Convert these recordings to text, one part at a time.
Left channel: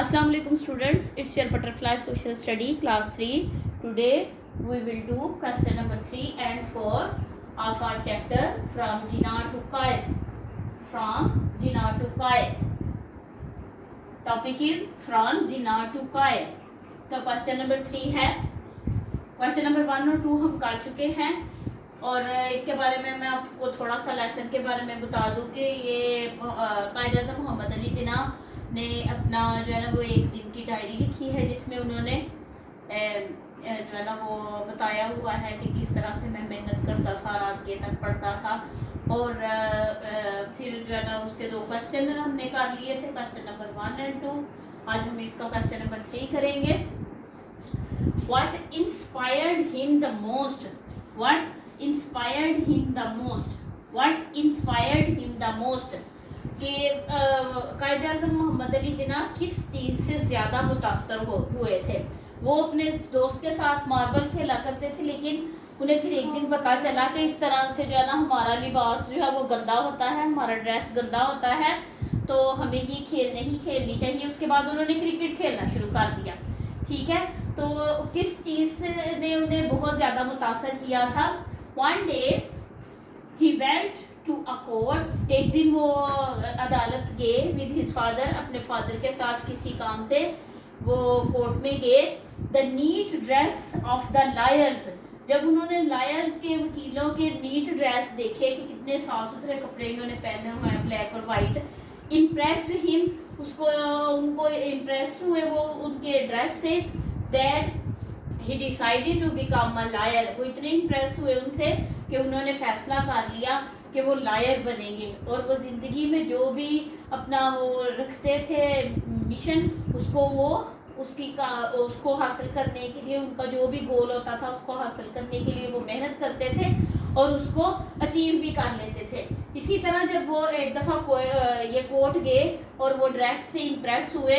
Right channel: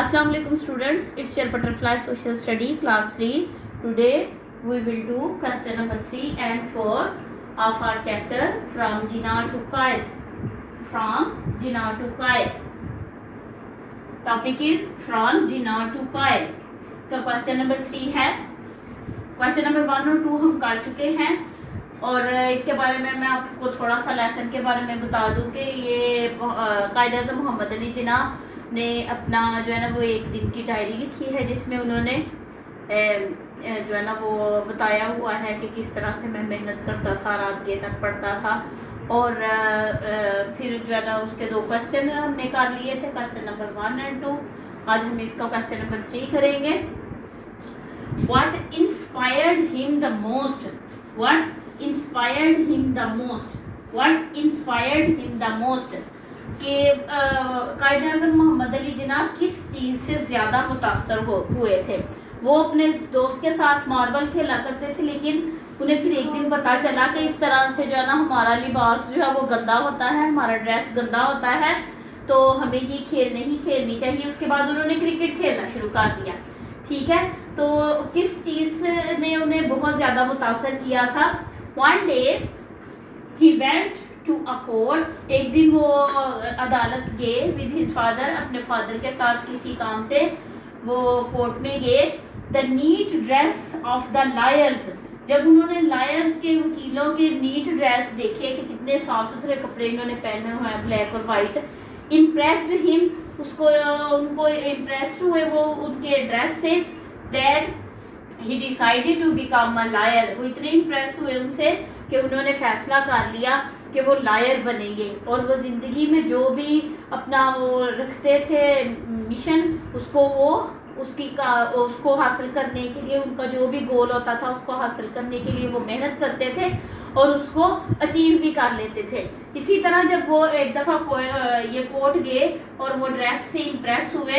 Assalamu alaikum students, it's your butterfly social study class 3. Today we will do question number 3 and 4 of our chapter from Jinnah to Qaid. From Jinnah to Qaid. Topic is from Jinnah to Qaid. इसका question number 3 है. Question number 1 और 2 हम कर चुके हैं और इसके बारे में मैं आपको थोड़ा सा लेसन के बारे में बता दूं कि ये कायद-ए-आज़म मोहम्मद अली जिन्ना ने अपना जो है ना वो एक दिन की डायरी लिखी है जिसमें उन्होंने जो है ना वो बताया हुआ है कि किस तरह से मैं मेहनत करता था, रात देर तक पढ़ता था और फिर जो है ना उसके 2 क्वेश्चन हमने कर लिए थे, क्वेश्चन नंबर 1 एंड 2. आज हम इसका क्वेश्चन नंबर 3 करेंगे. What inspired him the most? What inspired him the most? What inspired him the most? कि कायद-ए-आज़म मोहम्मद अली जिन्ना किस चीज़ से ज़्यादा मुतासर हुए थे. वो अपने दोस्त के साथ मार्बल खेला करते थे लेकिन उन्हें फिर एक दिन पता चला कि इस तरह से जो है ना हमारा लिबास जो है वो गंदा होता है, हमारा ड्रेस गंदा होता है, तो हमें ये खेल नहीं खेलनी चाहिए. उसके बाद उन्होंने क्रिकेट खेलना शुरू कर दिया. ठीक है, तो किस चीज़ ने उन्हें बहुत ज़्यादा मुतासर किया था? One day he went to a court. एक दिन वो अदालत गए विद हिज फादर, अपने फादर के साथ किसी काम से वो कोर्ट में गए. The neat dress of the lawyers. जब उन्होंने लायर्स के वकीलों के नीट ड्रेस देखे कि कितने साफ सुथरे कपड़े इन्होंने पहने हुए हैं, ब्लैक और वाइट, इम्प्रेस्ड हिम, उनको इम्प्रेस्ड हुए वो उनके ड्रेस से. That he decided to become a lawyer. वो इतने इम्प्रेस हुए उनसे कि उन्होंने फैसला कर लिया कि वो लायर बनेंगे और वो ज़िंदगी में जो भी अपना वो रखते थे मिशन, उसको हासिल करने के लिए, उनका जो भी गोल होता था उसको हासिल करने के लिए वो मेहनत करते थे और उसको अचीव भी कर लेते थे. इसी तरह जब वो एक दफ़ा ये कोर्ट गए और वो ड्रेस से इम्प्रेस हुए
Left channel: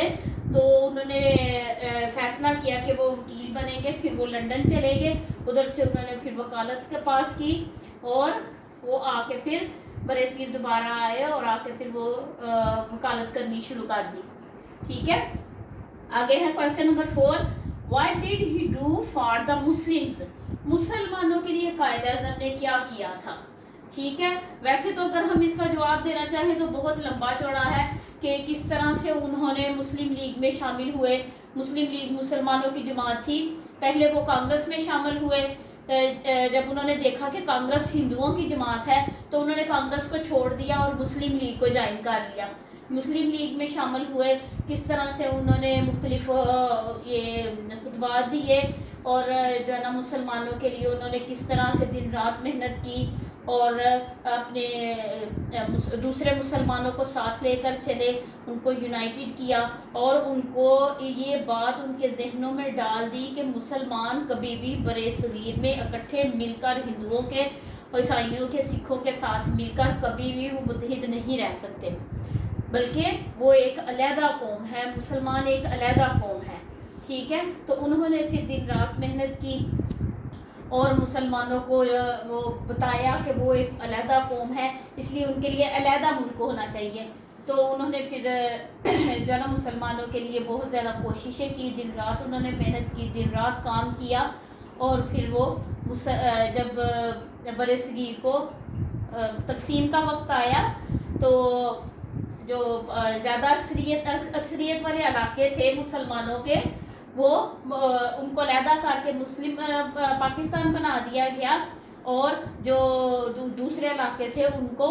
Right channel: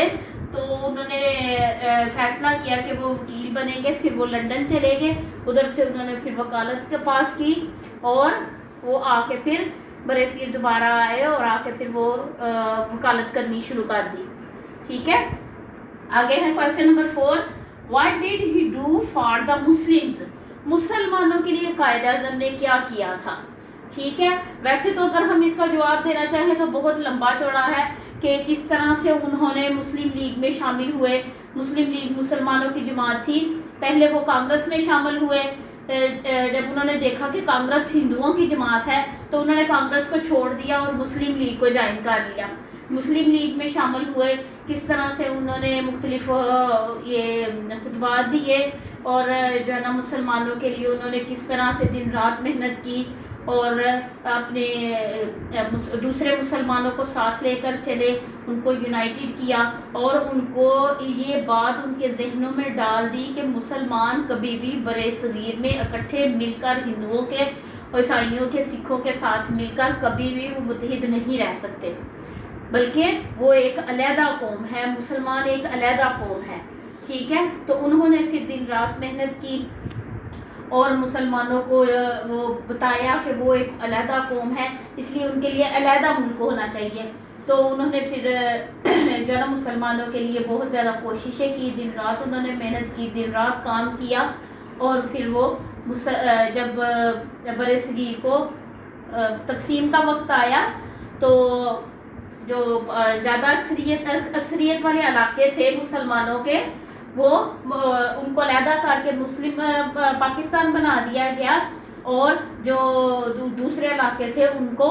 तो उन्होंने फैसला किया कि वो वकील बनेंगे. फिर वो लंदन चले गए, उधर से उन्होंने फिर वकालत के पास की और वो आके फिर बरेसगीर दोबारा आए और आके फिर वो वकालत करनी शुरू कर दी. ठीक है, आगे है question number 4. What did he do for the Muslims? मुसलमानों के लिए कायद-ए-आज़म ने क्या किया था? ठीक है, वैसे तो अगर हम इसका जवाब देना चाहें तो बहुत लंबा चौड़ा है कि किस तरह से उन्होंने मुस्लिम लीग में शामिल हुए. मुस्लिम लीग मुसलमानों की जमात थी. पहले वो कांग्रेस में शामिल हुए. जब उन्होंने देखा कि कांग्रेस हिंदुओं की जमात है तो उन्होंने कांग्रेस को छोड़ दिया और मुस्लिम लीग को ज्वाइन कर लिया. मुस्लिम लीग में शामिल हुए. किस तरह से उन्होंने मुख्तलिफ ये खुतबात दिए और जो है ना मुसलमानों के लिए उन्होंने किस तरह से दिन रात मेहनत की और अपने दूसरे मुसलमानों को साथ लेकर चले, उनको यूनाइटेड किया और उनको ये बात उनके जहनों में डाल दी कि मुसलमान कभी भी बरे-सगीर में इकट्ठे मिलकर हिंदुओं के, ईसाइयों के, सिखों के साथ मिलकर कभी भी वो मुत्तहिद नहीं रह सकते, बल्कि वो एक अलहदा कौम है. मुसलमान एक अलहदा कौम है. ठीक है, तो उन्होंने फिर दिन रात मेहनत की और मुसलमानों को वो बताया कि वो एक अलहदा कौम है, इसलिए उनके लिए अलहदा मुल्क होना चाहिए. तो उन्होंने फिर जो है ना मुसलमानों के लिए बहुत ज़्यादा कोशिशें की. दिन रात उन्होंने मेहनत की, दिन रात काम किया और फिर वो जब बरेसगीर को तकसीम का वक्त आया तो जो ज़्यादा अक्सरियत वाले इलाके थे मुसलमानों के, वो उनको अलहदा करके मुस्लिम पाकिस्तान बना दिया गया और जो दूसरे इलाके थे उनको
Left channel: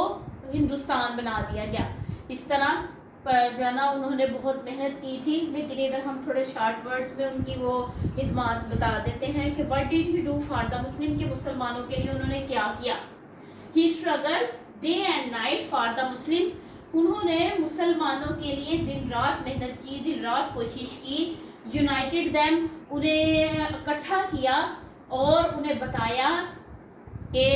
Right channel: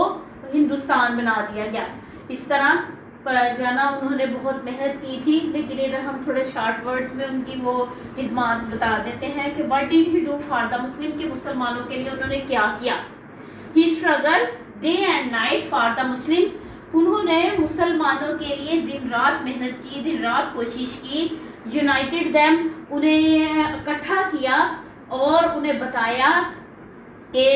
हिंदुस्तान बना दिया गया. इस तरह जो है ना उन्होंने बहुत मेहनत की थी. लेकिन इधर हम थोड़े शॉर्ट वर्ड्स में उनकी वो खिदमात बता देते हैं कि what did he do for the Muslim, के मुसलमानों के लिए उन्होंने क्या किया. He struggle day and night for the Muslims. उन्होंने मुसलमानों के लिए दिन रात मेहनत की, दिन रात कोशिश की. यूनाइटेड देम, उन्हें इकट्ठा किया और उन्हें बताया कि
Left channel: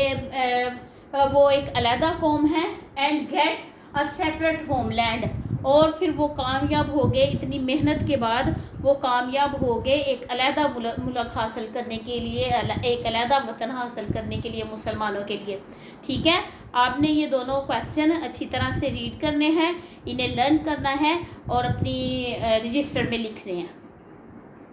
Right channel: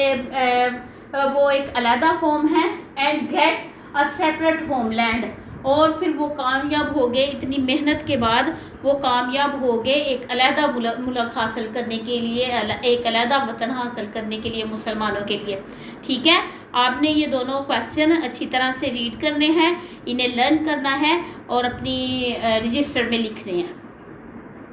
वो एक अलहदा कौम है. And get a separate homeland. और फिर वो कामयाब हो गए. इतनी मेहनत के बाद वो कामयाब हो गए एक अलहदा मुल्क हासिल करने के लिए, एक अलहदा वतन हासिल करने के लिए मुसलमानों के लिए. ठीक है, آپ نے یہ دونوں کویسچن اچھی طرح سے ریڈ کرنے ہیں، انہیں لرن کرنا ہے اور اپنی رجسٹر میں لکھنے ہیں.